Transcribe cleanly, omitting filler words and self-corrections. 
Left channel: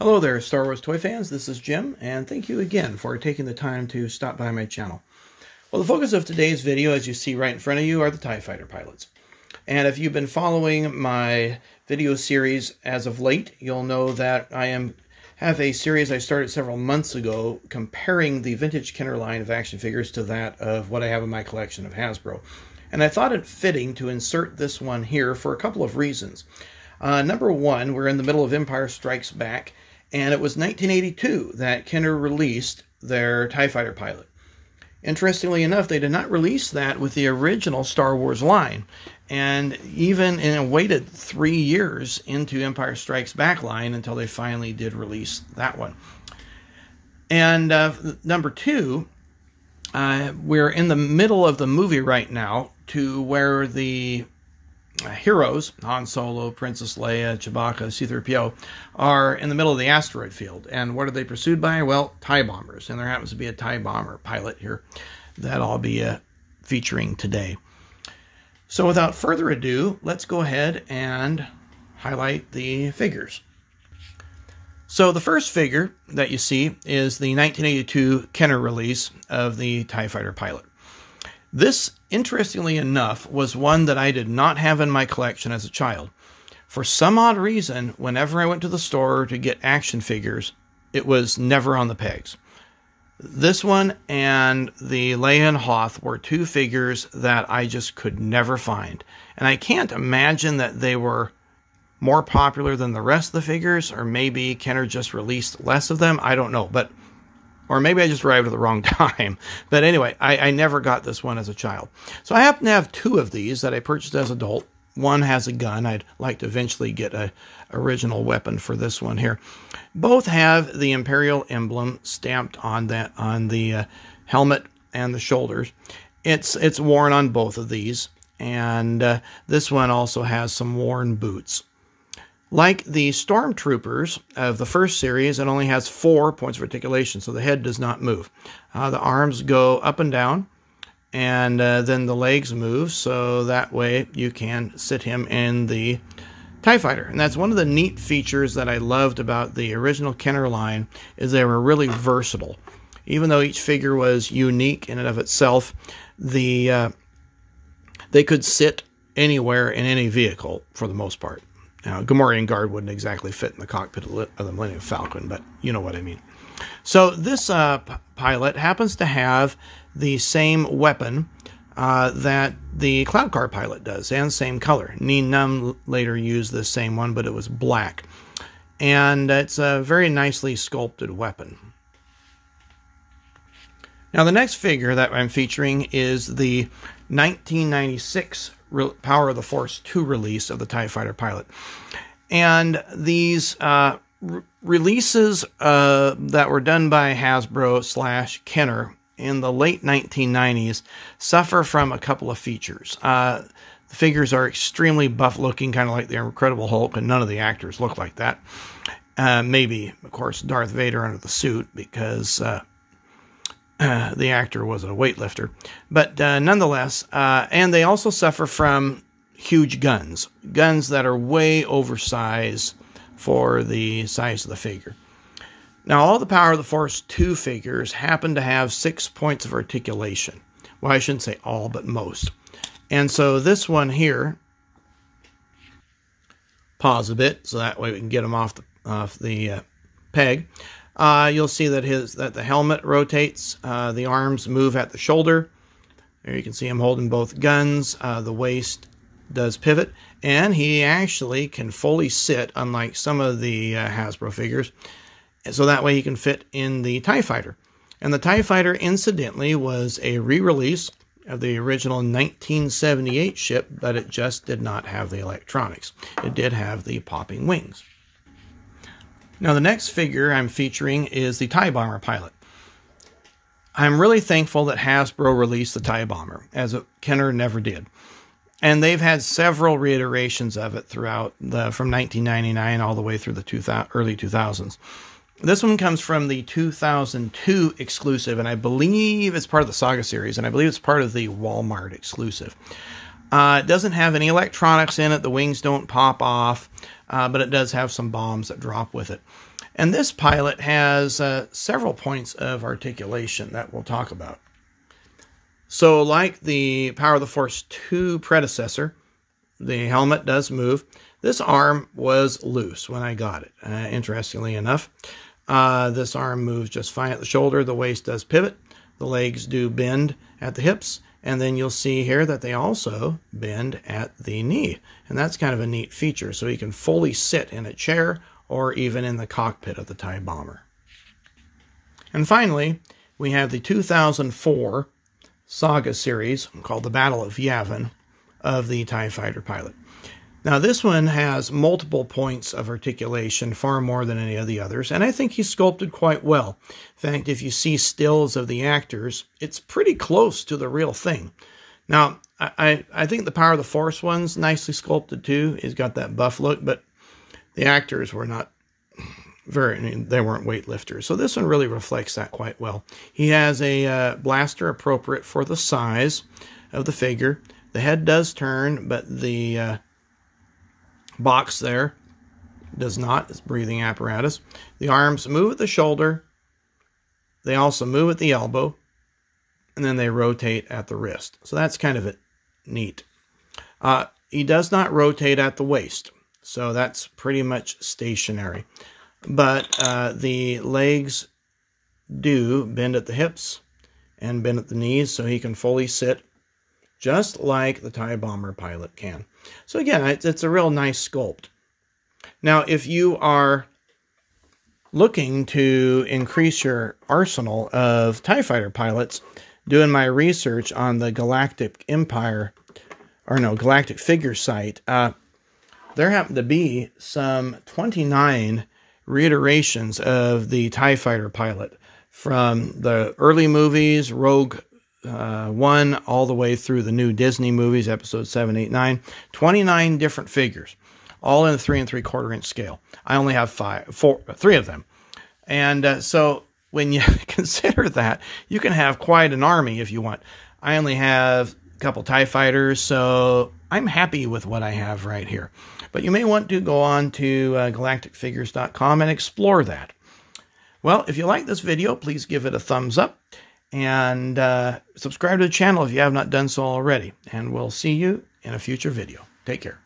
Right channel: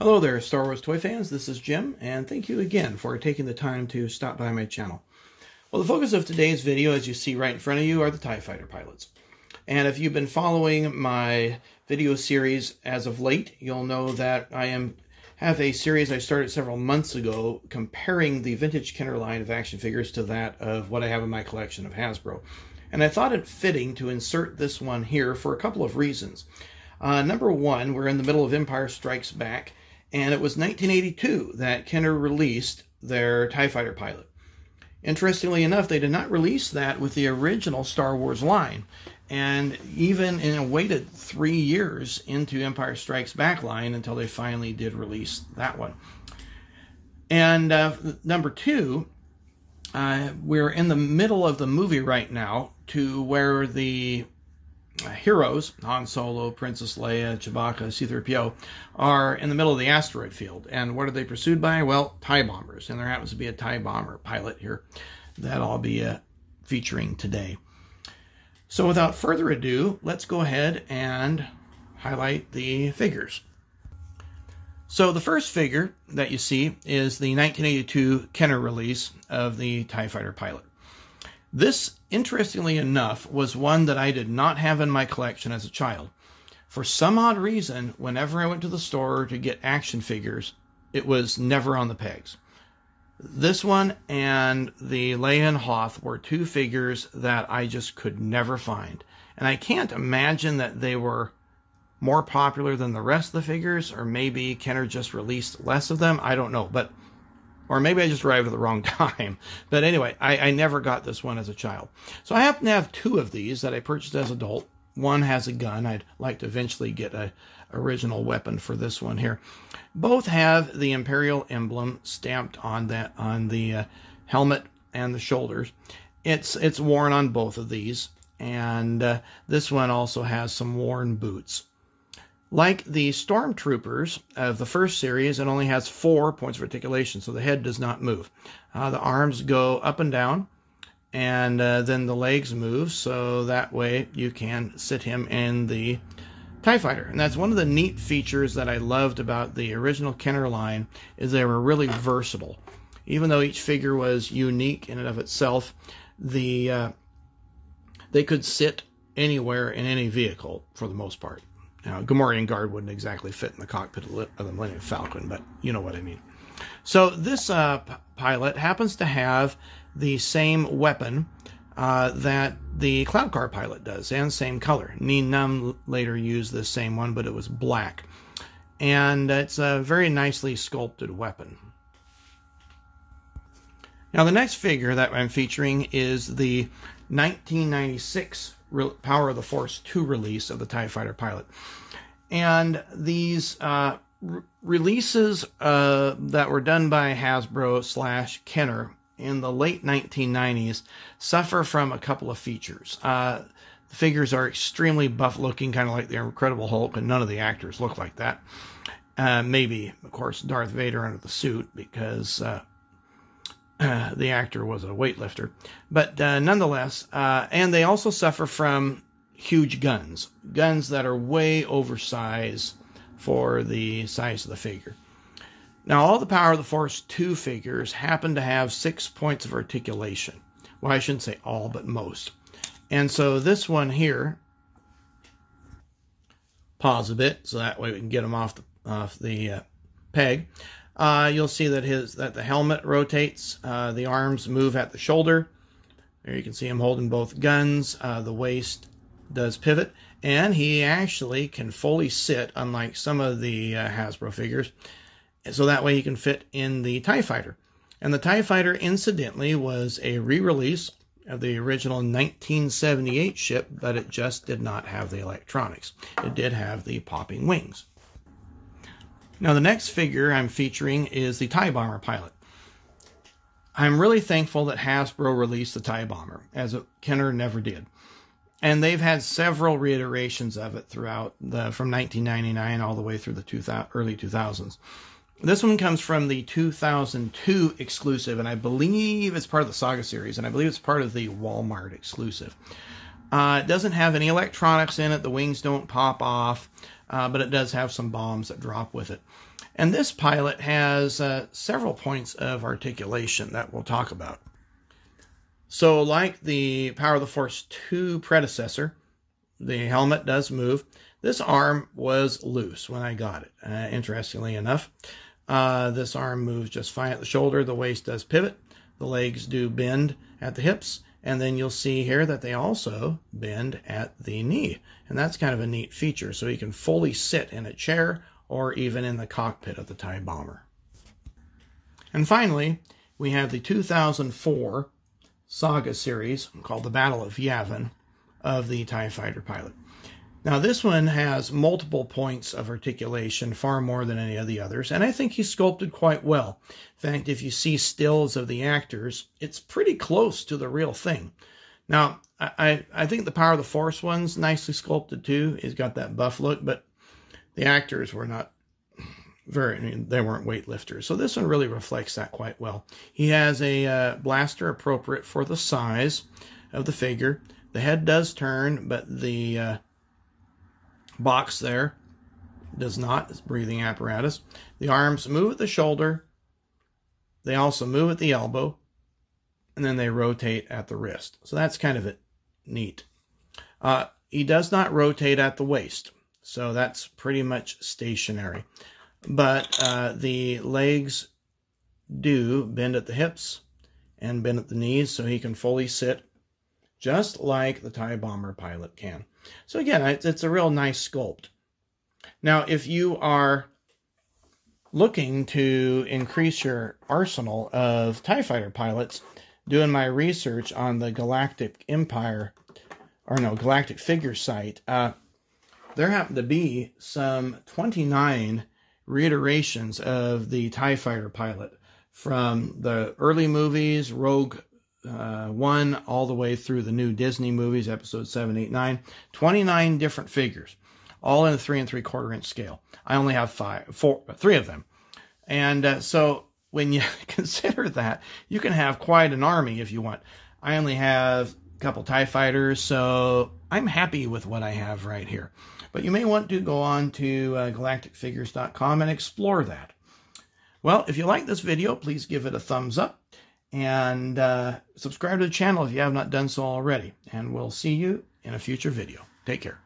Hello there, Star Wars toy fans. This is Jim, and thank you again for taking the time to stop by my channel. Well, the focus of today's video, as you see right in front of you, are the TIE Fighter pilots. And if you've been following my video series as of late, you'll know that I have a series I started several months ago comparing the vintage Kenner line of action figures to that of what I have in my collection of Hasbro. And I thought it fitting to insert this one here for a couple of reasons. Number one, we're in the middle of Empire Strikes Back, and it was 1982 that Kenner released their TIE Fighter pilot. Interestingly enough, they did not release that with the original Star Wars line, and even waited 3 years into Empire Strikes Back line until they finally did release that one. And number two, we're in the middle of the movie right now to where the heroes, Han Solo, Princess Leia, Chewbacca, C-3PO, are in the middle of the asteroid field. And what are they pursued by? Well, TIE bombers. And there happens to be a TIE bomber pilot here that I'll be featuring today. So without further ado, let's go ahead and highlight the figures. So the first figure that you see is the 1982 Kenner release of the TIE Fighter pilot. This, interestingly enough, was one that I did not have in my collection as a child. For some odd reason, whenever I went to the store to get action figures, it was never on the pegs. This one and the Leia and Hoth were two figures that I just could never find. And I can't imagine that they were more popular than the rest of the figures, or maybe Kenner just released less of them. I don't know, or maybe I just arrived at the wrong time. But anyway, I never got this one as a child. So I happen to have two of these that I purchased as an adult. One has a gun. I'd like to eventually get an original weapon for this one here. Both have the Imperial emblem stamped on the helmet and the shoulders. It's worn on both of these. And this one also has some worn boots. Like the Stormtroopers of the first series, it only has 4 points of articulation, so the head does not move. The arms go up and down, and then the legs move, so that way you can sit him in the TIE Fighter. And that's one of the neat features that I loved about the original Kenner line, is they were really versatile. Even though each figure was unique in and of itself, they could sit anywhere in any vehicle for the most part. Now, Gamorrean Guard wouldn't exactly fit in the cockpit of the Millennium Falcon, but you know what I mean. So this pilot happens to have the same weapon that the Cloud Car pilot does, and same color. Nien Nunb later used the same one, but it was black. And it's a very nicely sculpted weapon. Now, the next figure that I'm featuring is the 1996 Power of the Force 2 release of the TIE Fighter pilot. And these releases that were done by Hasbro / Kenner in the late 1990s suffer from a couple of features. The figures are extremely buff looking, kind of like the Incredible Hulk, and none of the actors look like that. Maybe, of course, Darth Vader under the suit, because the actor was a weightlifter. But nonetheless, and they also suffer from huge guns that are way oversized for the size of the figure. Now, all the Power of the Force 2 figures happen to have 6 points of articulation. Well, I shouldn't say all, but most. And so this one here, pause a bit so that way we can get him off the peg. You'll see that the helmet rotates, the arms move at the shoulder. There you can see him holding both guns. The waist does pivot, and he actually can fully sit, unlike some of the Hasbro figures, so that way he can fit in the TIE Fighter. And the TIE Fighter, incidentally, was a re-release of the original 1978 ship, but it just did not have the electronics. It did have the popping wings. Now, the next figure I'm featuring is the TIE Bomber pilot. I'm really thankful that Hasbro released the TIE Bomber, as Kenner never did. And they've had several reiterations of it throughout from 1999 all the way through the early 2000s. This one comes from the 2002 exclusive, and I believe it's part of the SAGA series, and I believe it's part of the Walmart exclusive. It doesn't have any electronics in it. The wings don't pop off. but it does have some bombs that drop with it. And this pilot has several points of articulation that we'll talk about. So like the Power of the Force 2 predecessor, the helmet does move. This arm was loose when I got it, interestingly enough. This arm moves just fine at the shoulder. The waist does pivot. The legs do bend at the hips. And then you'll see here that they also bend at the knee. And that's kind of a neat feature. So you can fully sit in a chair or even in the cockpit of the TIE bomber. And finally, we have the 2004 SAGA series called the Battle of Yavin of the TIE fighter pilot. Now this one has multiple points of articulation, far more than any of the others, and I think he's sculpted quite well. In fact, if you see stills of the actors, it's pretty close to the real thing. Now, I think the Power of the Force one's nicely sculpted too. He's got that buff look, but the actors were not they weren't weightlifters. So this one really reflects that quite well. He has a blaster appropriate for the size of the figure. The head does turn, but the box there does not. It's breathing apparatus. The arms move at the shoulder. They also move at the elbow. And then they rotate at the wrist. So that's kind of neat. He does not rotate at the waist. So that's pretty much stationary. But the legs do bend at the hips and bend at the knees, so he can fully sit just like the TIE bomber pilot can. So again, it's a real nice sculpt. Now, if you are looking to increase your arsenal of TIE fighter pilots, doing my research on the Galactic Figure site, there happen to be some 29 reiterations of the TIE fighter pilot from the early movies, Rogue One, all the way through the new Disney movies, episodes 7, 8, 9. 29 different figures, all in a 3 3/4 inch scale. I only have 3 of them. And so when you consider that, you can have quite an army if you want. I only have a couple TIE fighters, so I'm happy with what I have right here. But you may want to go on to galacticfigures.com and explore that. Well, if you like this video, please give it a thumbs up and subscribe to the channel if you have not done so already. And we'll see you in a future video. Take care.